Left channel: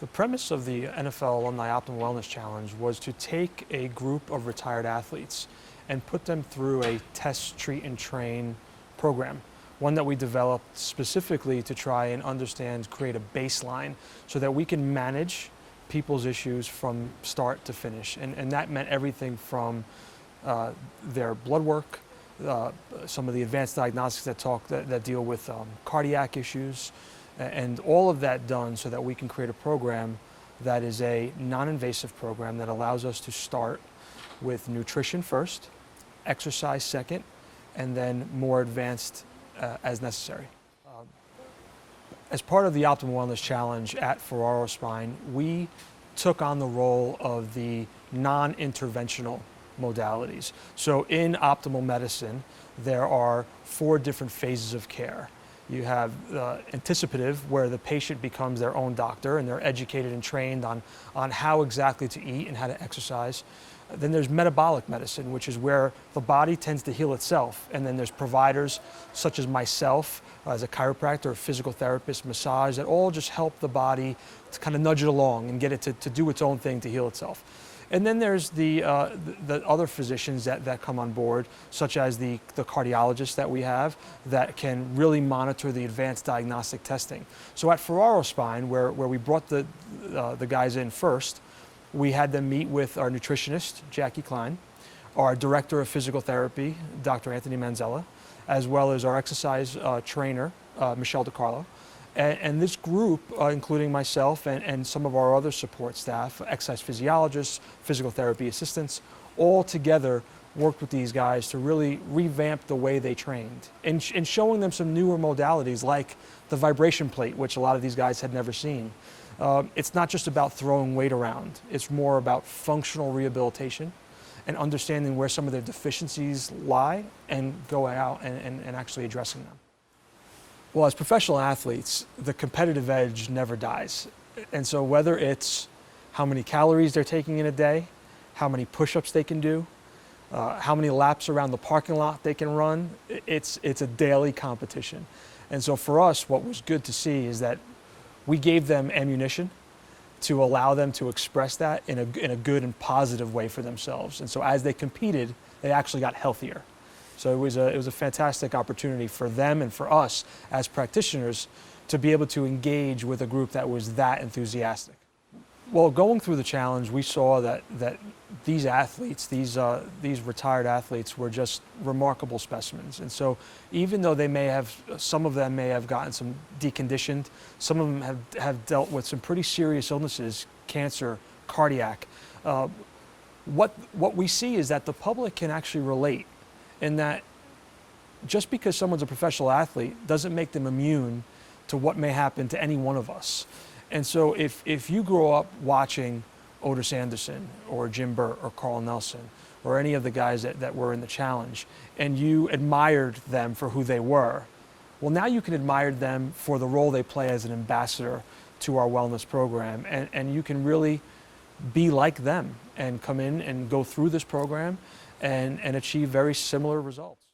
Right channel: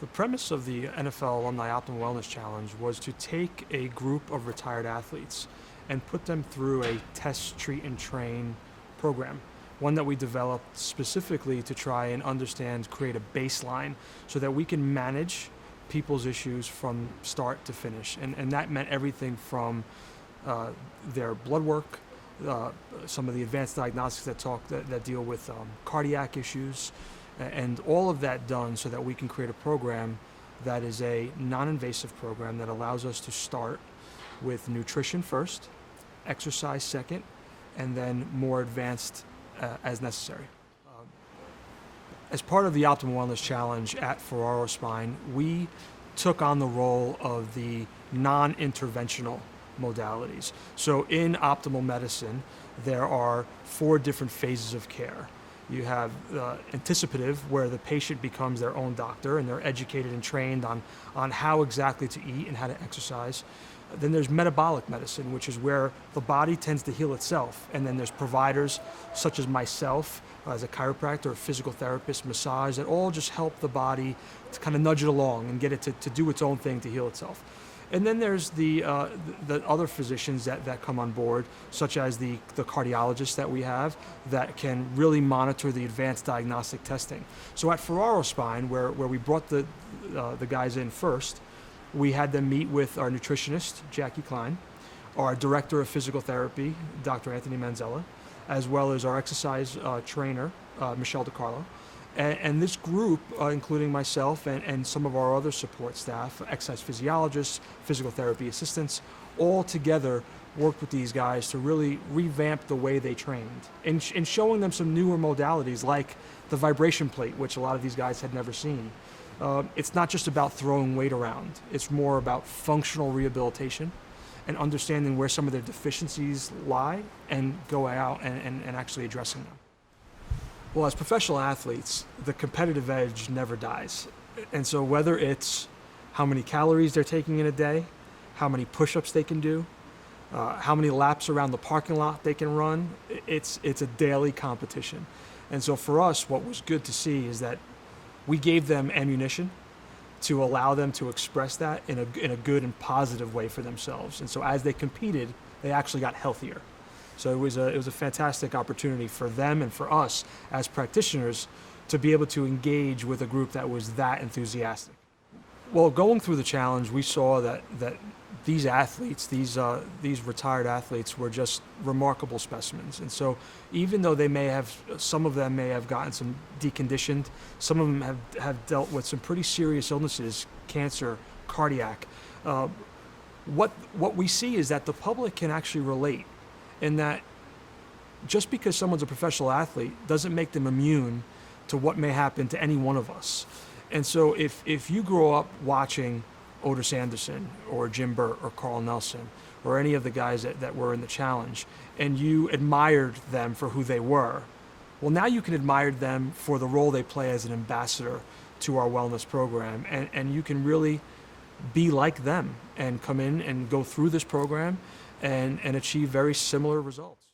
The premise of the NFL Alumni Optimal Wellness Challenge was to take a group of retired athletes and put them through a test, treat, and train program. One that we developed specifically to try and understand, create a baseline so that we can manage people's issues from start to finish. And that meant everything from their blood work, some of the advanced diagnostics that deal with cardiac issues, and all of that done so that we can create a program that is a non-invasive program that allows us to start with nutrition first, exercise second, and then more advanced as necessary. As part of the Optimal Wellness Challenge at Ferraro Spine, we took on the role of the non-interventional modalities. So in optimal medicine, there are 4 different phases of care. You have anticipative, where the patient becomes their own doctor and they're educated and trained on how exactly to eat and how to exercise. Then there's metabolic medicine, which is where the body tends to heal itself. And then there's providers such as myself, as a chiropractor, a physical therapist, massage, that all just help the body to kind of nudge it along and get it to do its own thing to heal itself. And then there's the other physicians that come on board, such as the cardiologists that we have that can really monitor the advanced diagnostic testing. So at Ferraro Spine, where we brought the guys in first, we had them meet with our nutritionist, Jackie Klein, our director of physical therapy, Dr. Anthony Manzella, as well as our exercise trainer, Michelle DiCarlo. And this group, including myself and some of our other support staff, exercise physiologists, physical therapy assistants, all together worked with these guys to really revamp the way they trained and showing them some newer modalities like the vibration plate, which a lot of these guys had never seen. It's not just about throwing weight around. It's more about functional rehabilitation and understanding where some of their deficiencies lie and going out and actually addressing them. Well, as professional athletes, the competitive edge never dies. And so whether it's how many calories they're taking in a day, how many push-ups they can do, how many laps around the parking lot they can run, it's a daily competition. And so for us, what was good to see is that we gave them ammunition to allow them to express that in a good and positive way for themselves. And so as they competed, they actually got healthier. So it was a fantastic opportunity for them and for us as practitioners to be able to engage with a group that was that enthusiastic. Well, going through the challenge, we saw that these athletes, these retired athletes, were just remarkable specimens. And so even though some of them may have gotten some deconditioned, some of them have dealt with some pretty serious illnesses, cancer, cardiac, what we see is that the public can actually relate, in that just because someone's a professional athlete doesn't make them immune to what may happen to any one of us. And so if you grow up watching Otis Anderson or Jim Burt or Carl Nelson or any of the guys that were in the challenge, and you admired them for who they were, well, now you can admire them for the role they play as an ambassador to our wellness program, and you can really be like them and come in and go through this program and achieve very similar results.